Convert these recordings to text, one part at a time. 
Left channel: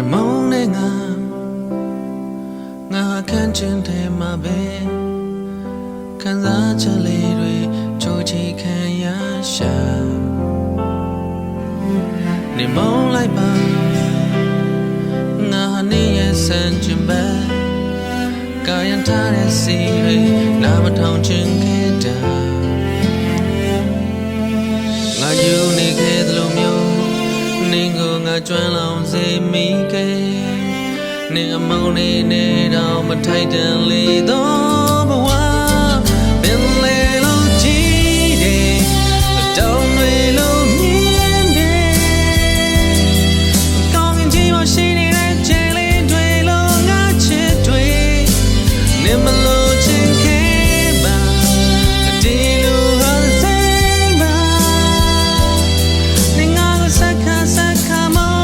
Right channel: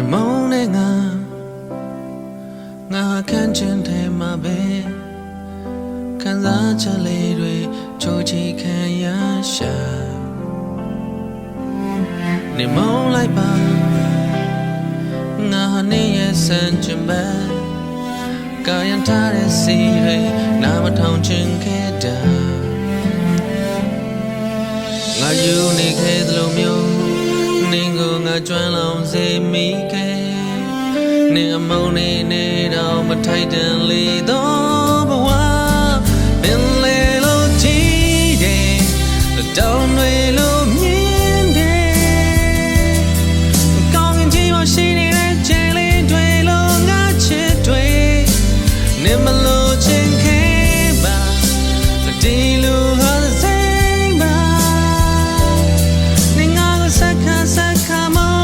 နေမုန်းနဲ့ငါခန့်ချင်တယ်မှာပဲခံစားချက်လေးတွေချိုးချီခံရရှာနေမုန်းလိုက်ပါငါနေရဲ့စံချင်ပဲကာယံထားတဲ့စီတွေနာမထောင်ချင်ခဲ့တာငါယူနေခဲ့သလိုမျိုးနင်းကိုငါကျွမ်းလောင်စေမိခဲ့နင်းအမောင်းနေတော့မထိုက်တန်လေတော့ဘဝပင်လေလို့ကြည့်တယ်တောင်းတွေလို့မြင်တယ်ကောင်းရင်ကြီးမရှိနေတဲ့ချဲလေးတွေလို့ငါချစ်တွေနင်းမလို့ချင်ခဲ့ပါဒီလိုဟာစိတ်ပါနင်းငါကိုစက္ခါမော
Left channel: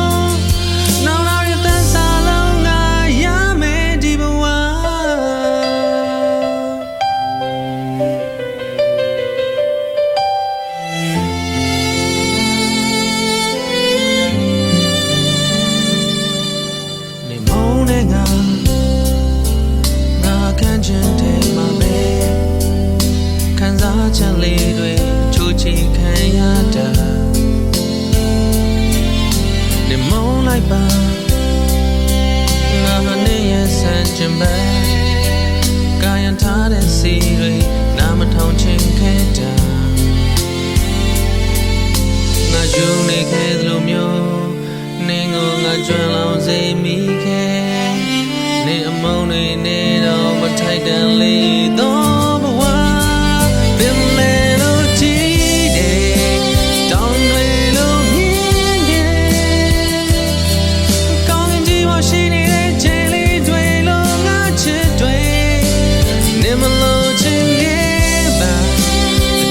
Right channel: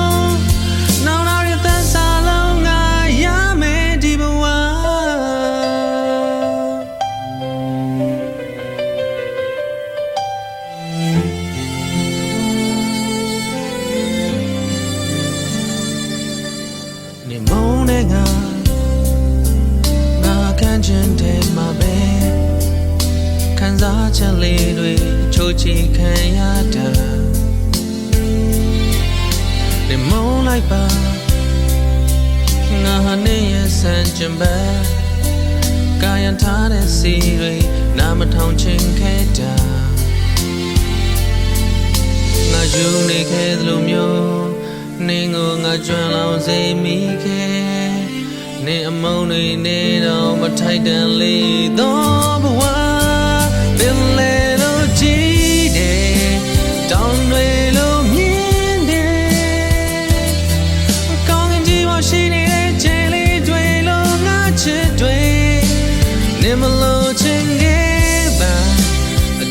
နောင်လာရတဲ့စားလုံးငါရမယ်ဒီဘဝနေမုန်းနဲ့ငါခန့်ချင်တယ်မှာပဲခံစားချက်လေးတွေချိုးချီခံရတာနေမုန်းလိုက်ပါငါနေရဲ့စံချင်ပဲကာယံထားတဲ့စီတွေနာမထောင်ချင်ခဲ့တာငါယူနေခဲ့သလိုမျိုးနင်းကိုငါကျွမ်းလောင်စေမိခဲ့နင်းအမုန်းနေတော့မထိုက်တန်လေတော့ဘဝပင်လေလို့ကြည့်တယ်တောင်းတွေလို့မြင်တယ်ကောင်းရင်ကြီးမရှိနေတဲ့ချဲလေးတွေလို့ငါချစ်တွေနင်းမလို့ချင်ခဲ့ပါ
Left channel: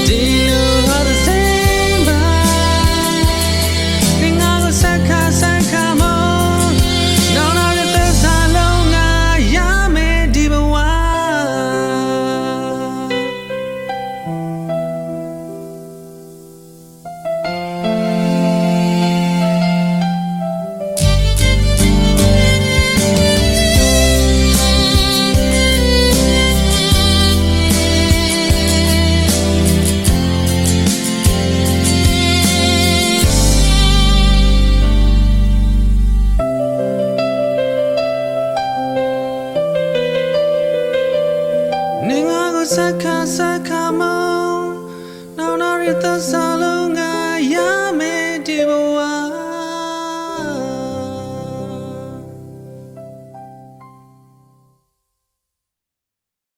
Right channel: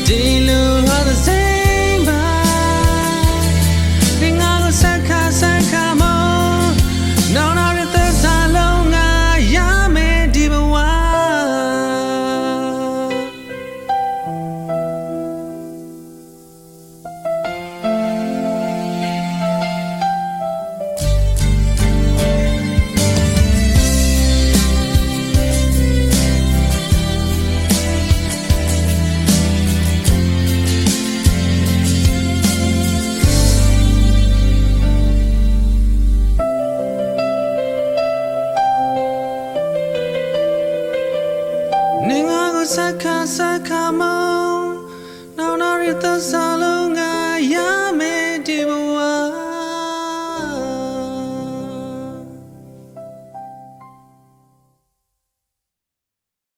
ဒီလိုဟာတဲ့စိတ်ပါနင်းငါကိုစက္ခါမောနောင်လာရတဲ့စားလုံးငါရမယ်ဒီဘဝနင်းငါကိုစက္ခါမောနောင်လာရတဲ့စားလုံးငါ